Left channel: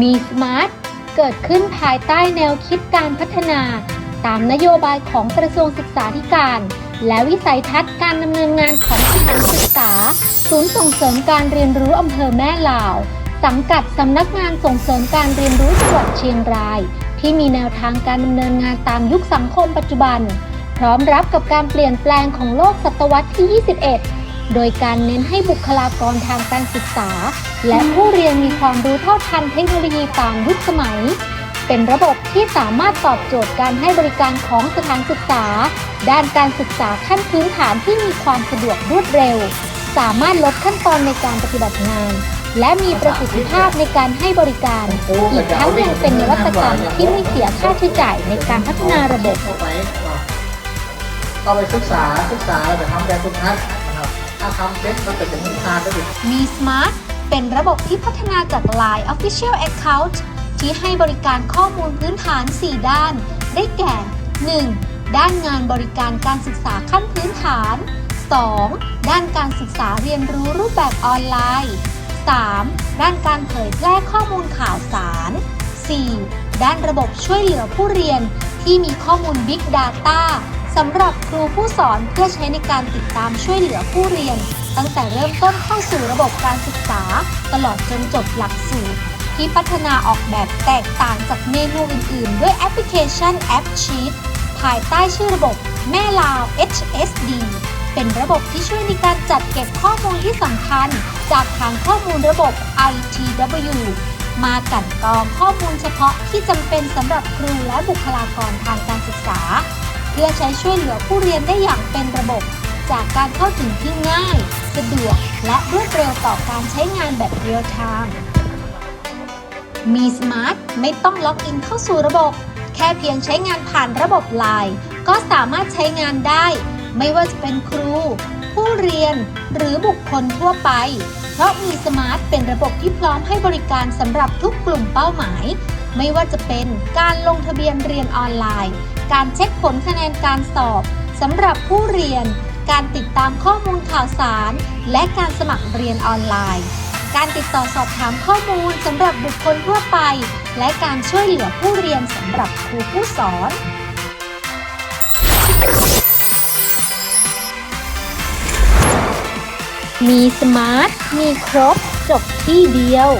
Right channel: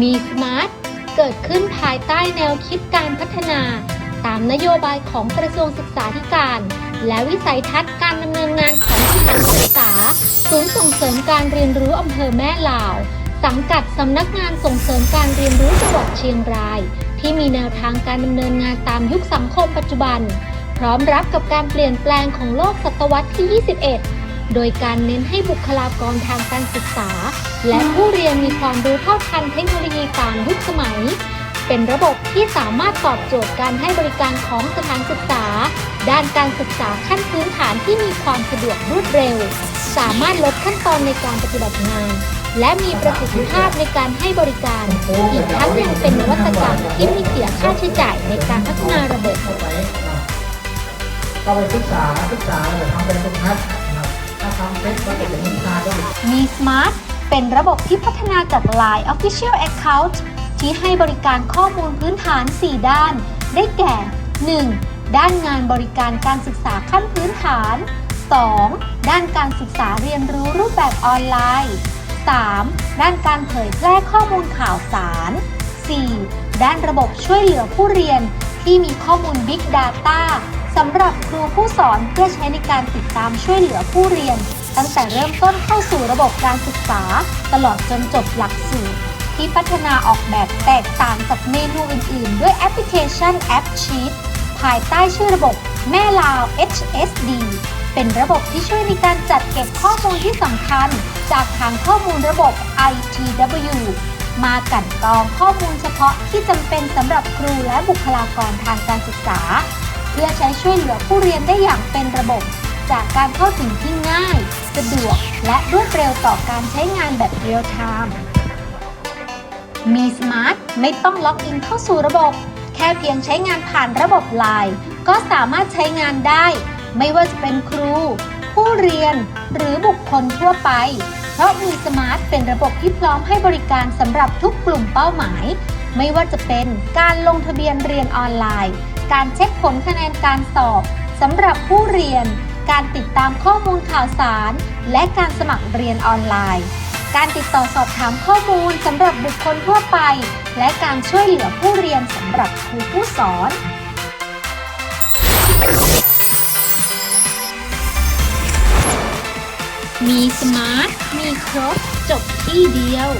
มีสมาร์ทเกิดขึ้นภายใต้แนวคิดการพัฒนา ตามนโยบายของกระทรวงศึกษาธิการ และวิสัยทัศน์การดำเนินงานของกระทรวงศึกษา ศูนย์ส่งเสริมการเรียนรู้อำเภอแม่ลาว สังกัดสำนักงานส่งเสริมการเรียนรู้จังหวัดเชียงราย ที่มีแนวทางการดำเนินงานตามยุคสังคมปัจจุบัน พร้อมรับกับการเปลี่ยนแปลงของโลกศตวรรษที่ 21 โดยการเน้นให้บุคลากรทางการศึกษา และผู้เรียนมีความรู้เท่าทันเทคโนโลยีตามยุคสมัย เป็นระบบที่สามารถตอบโจทย์การให้บริการของสถานศึกษา ด้านการศึกษาขั้นพื้นฐานที่มีความสะดวกรวดเร็ว สามารถลดขั้นตอนในการปฏิบัติงาน และมีประสิทธิภาพในการให้บริการ อีกทั้งยังเป็นนวัตกรรมที่ไม่เสียค่าใช้จ่ายในการพัฒนาระบบเข้าไปเข้าไปศึกษาศึกษาแล้วเดี๋ยวทำแบบฝึกหัด นะครับถ้าทำเสมาได้อีกมี Smart เป็นระบบที่พัฒนาจาก Line Official Account ที่ให้บริการข้อมูลพื้นฐาน 4 ด้าน ได้แก่ 1. ด้านงานบริการการศึกษาขั้นพื้นฐาน 2. ด้านการศึกษาเรียนรู้รูปแบบออนไลน์ 3. ด้านการเผยแพร่ข้อมูลข่าวสาร 4. ด้านระบบช่วยเหลือผู้เรียนที่มีข้อมูล Big Data สำหรับครูผู้สอนเพื่อใช้ในการติดตามช่วยเหลือผู้เรียน ตั้งแต่เริ่มต้นเข้าสู่ระบบการศึกษา ตลอดจนจบหลักสูตรที่พัฒนาออกแบบแตกต่างจากเมนูอื่น ๆ ด้วยแอปพลิเคชัน App Sheet ภายใต้ชื่อระบบแม่ลาว HSD เป็นระบบที่ช่วยในการจัดเก็บข้อมูลที่สำคัญ จากฐานข้อมูลระบบ ITW มากันกรองข้อมูลเฉพาะที่จำเป็นสำหรับครูและบุคลากรทางการศึกษา เพื่อใช้ช่วยเหลือผู้เรียนได้อย่างเป็นระบบ จากการเข้าถึงที่ง่าย สะดวก และรวดเร็วต่อการใช้งานแบบเรียลไทม์มี Smart ไม่ต้องล็อกอินเข้าสู่ระบบ แค่เพียงใช้งานผ่านระบบ Line ก็สามารถใช้งานได้ ไม่ว่าจะเป็นครู ผู้เรียน หรือบุคคลทั่วไป เพราะมีสมาร์ทเป็นระบบที่พร้อมให้บริการสำหรับทุกกลุ่มเป้าหมาย ไม่ว่าจะเป็นการลงทะเบียนเรียนออนไลน์ การเช็คผลคะแนนการสอบสำหรับผู้เรียน การติดตามข้อมูลข่าวสาร และการสมัครเรียนออนไลน์ การติดต่อสอบถามข้อมูลสำหรับบุคคลทั่วไป และการช่วยเหลือผู้เรียนสำหรับครูผู้สอนมีสมาร์ท มีครบ จบที่เดียว